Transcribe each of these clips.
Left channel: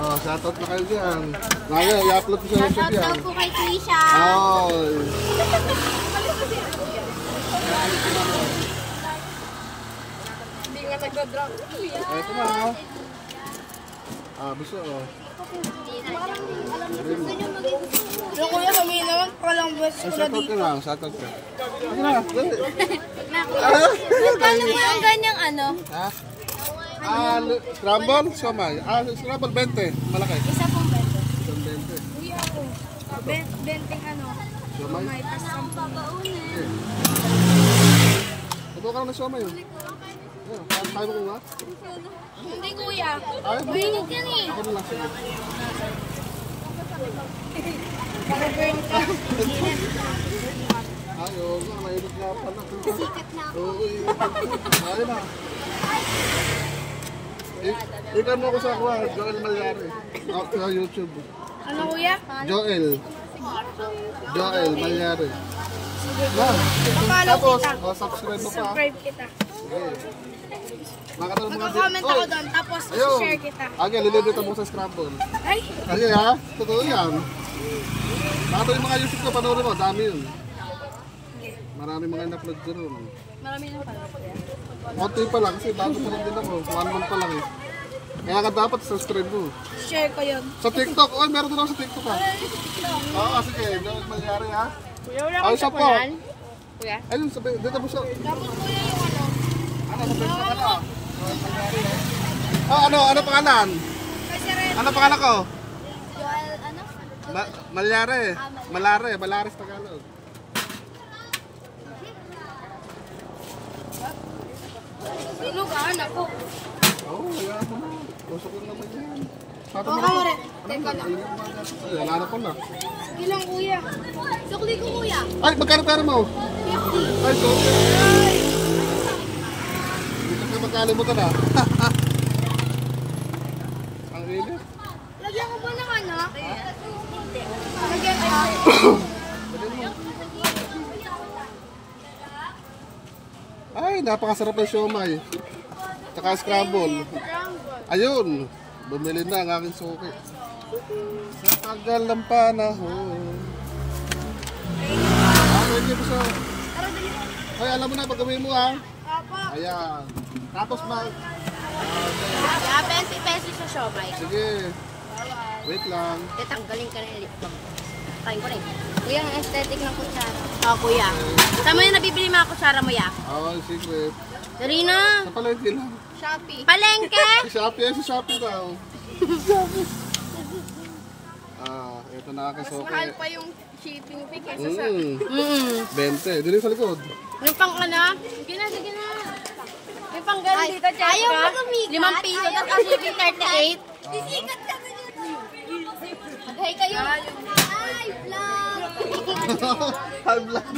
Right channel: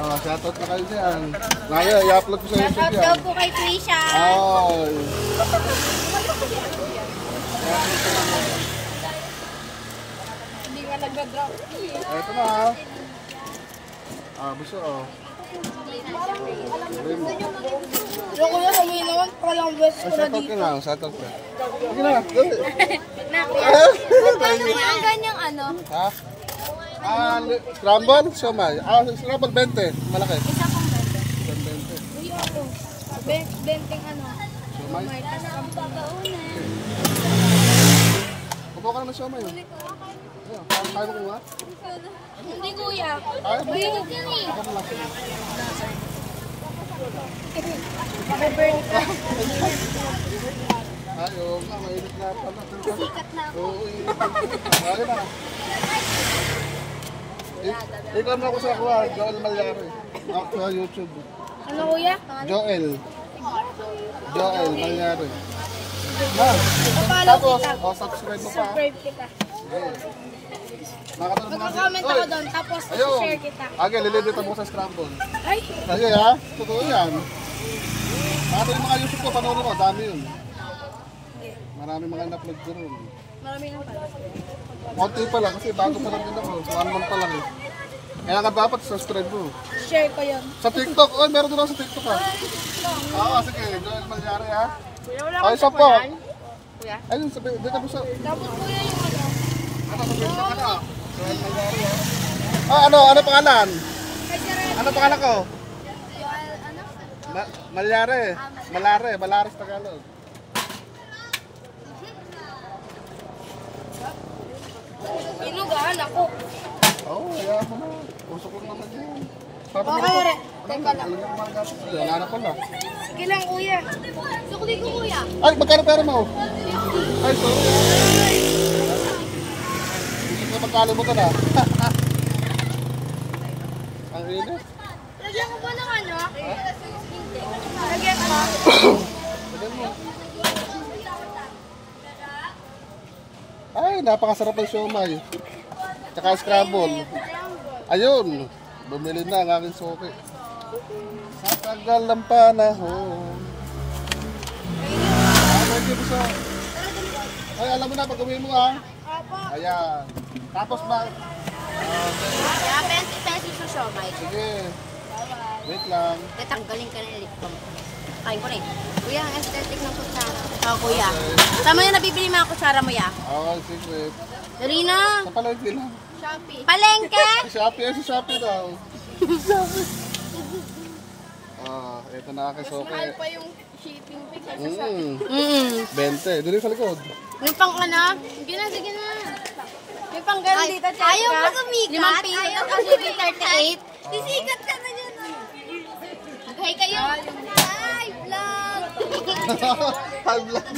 Oh, shoutout na kayo dyan. Ngayon, i-upload ko sa YouTube yan. Shoutout po kay Trisha. Oh. Hindi nga nagda-drop. Ito na, oh. Buso, oh. Yung kuya, huminawan pa lang bus ko na Shoutout dito. ka lang, shoutout ka. Sige na, dali. Magkano mo ang ganyang ano? Ha? Scramble? Siomay. Scramble 20. Malaki. Isa pong bento. Isang 20. Uy, ako. Benteng ano? Siomay? Tapos ang babaunan. Kupo ka na ng siomay. Ayun, kaya mo ko nga? Hindi kuya. Ayaw mo. Mainit yan eh. Ako na lang. Sige. Makaburn ka. Ayaw nga, mainit nga pala. Sikat na ako. Oo, ayun na. Ikaw mo ako sa kuha, Joel Malyari. Sa YouTube. Ano kuya? Joel Malyari. Follow Tapos, kita. subscribe mo pa. Subscribe kita. Magko-comment ako doon, tapos share kita. Lilibre mo sa Scramble. Ay! Ayun ha, totoo yan. Mga yung mga YouTube ko, panoorin mo, dami yun. Marami mga in-upload ko rin. Marami lang pala. Konti pa lang kasi bago pa lang din ako. 1 month pa lang eh. Kaya ka dapat subscribe mo. Share ko yun. Sa TikTok, meron din ako sa TikTok ha. Oo, sige, Joel Malyari ha. Ay, isa po. Kuya? Ayun, dito mo sa... Tapos kuya yung ano? Ano, sa Facebook ka na? Joel Malyari ha. Ano pangalan? Kasi rin. Ano pangalan ko? Ano? Malyari. Malare sa Tagalog. Inugaan ako. Kaya mo na. Usok lang naman yan. Okay, rin. Teka lang. Wala na pala. Sige lang kuya. Sukli ko kuya. Ay, magkano pera mo? Ay, so. Hindi ko magkalimutan na. Ang init. Lagyan ko ba ng ano? Lagyan ko. Lagyan mo. Ay, napakasarap ng siomay. Tsaka scramble. Ayun, bumili na ang aking suki. Sa tagal ng panahon. Pwede mo sa... Ay, alam mo na, pag-gawin mo ha. Ayan. Tapos na... Yeah, 20 pesos sa siomay. Sige. Wait lang. Tatanggalin ka ng lip balm. Kain ko na eh. Kuya, ang aesthetic ng kutsara. Kuya. Tama yung nabibili mga kutsara mo ya? Okay, secret. Dali na. Sa palengke lang. Shopee. Palengke? Sa Shopee daw. Shopee. Ito na aking suki. Mahal pa yung shipping fee kaysa sa... 20. Dito sa likod. May pang ka na? Sige na. May pang gano'n dito, Cheska. Ayaw mo sumikat. 5 piso at ang shipping 38. Sisikat ka na dito. Okay kayo. Ay, vlog. High blood.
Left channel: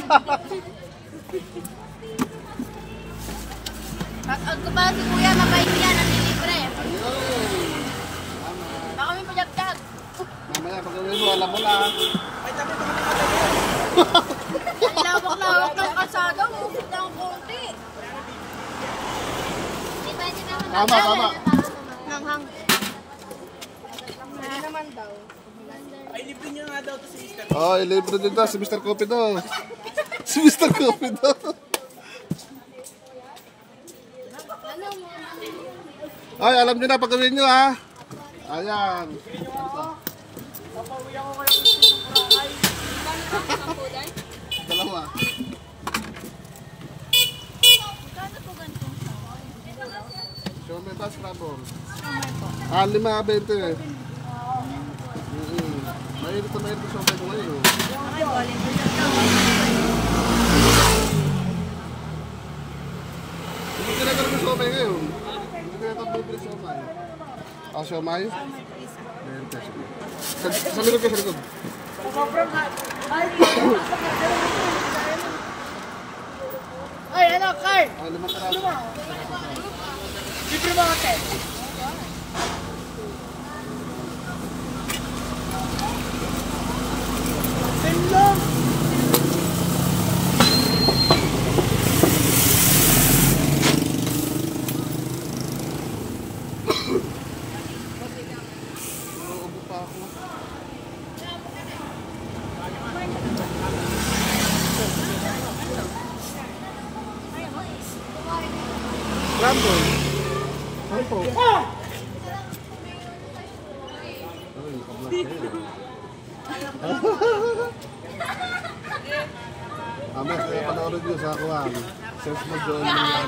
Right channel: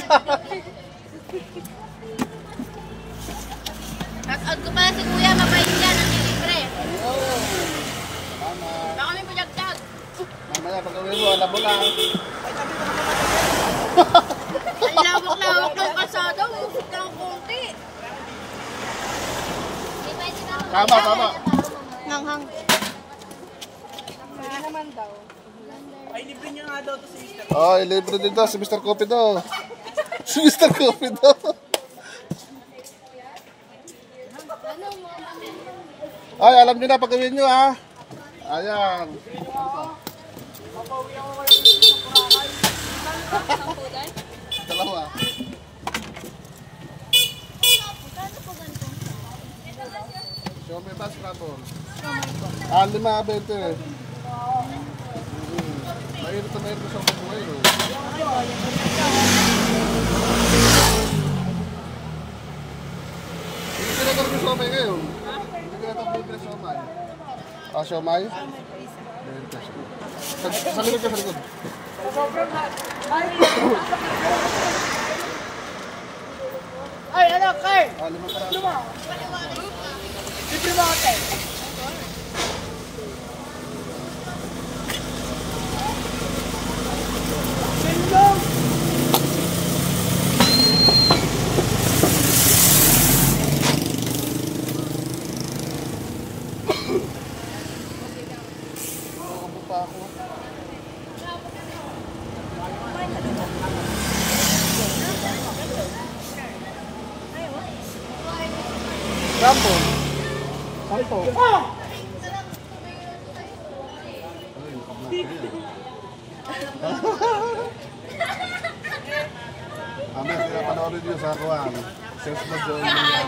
Shoutout ko pala si Kuya, mabait yan, ang libre. Ayun. Salamat. Baka may pajag-tag. Mamaya pag-uwi mo, alam mo na. Ang lawak-lawak ng kasada, musok ng konti. Tama. Nanghang. Hindi naman daw. Ay, libre niya nga daw to si Mr. Oh, libre din daw si Mr. Coffee daw. Si Mr. Coffee daw. Ay, alam niyo na pag-gawin niyo ha. Ayan. Dalawa. So, may bus trouble. 5.20 eh. Mainit na siya ko ngayon. Hindi ko na talaga siomay ngayon. Hindi ko na talaga siomay. Siomay? 20. Sa likod ka, sa likod. Ay, ano, Carl? 5 peraso. Libre mo ate. Sampo. Sampo. Ay, naka-vlog kayo. Amen, kaya panoorin nyo sa akuan. Sense mo join mo yan.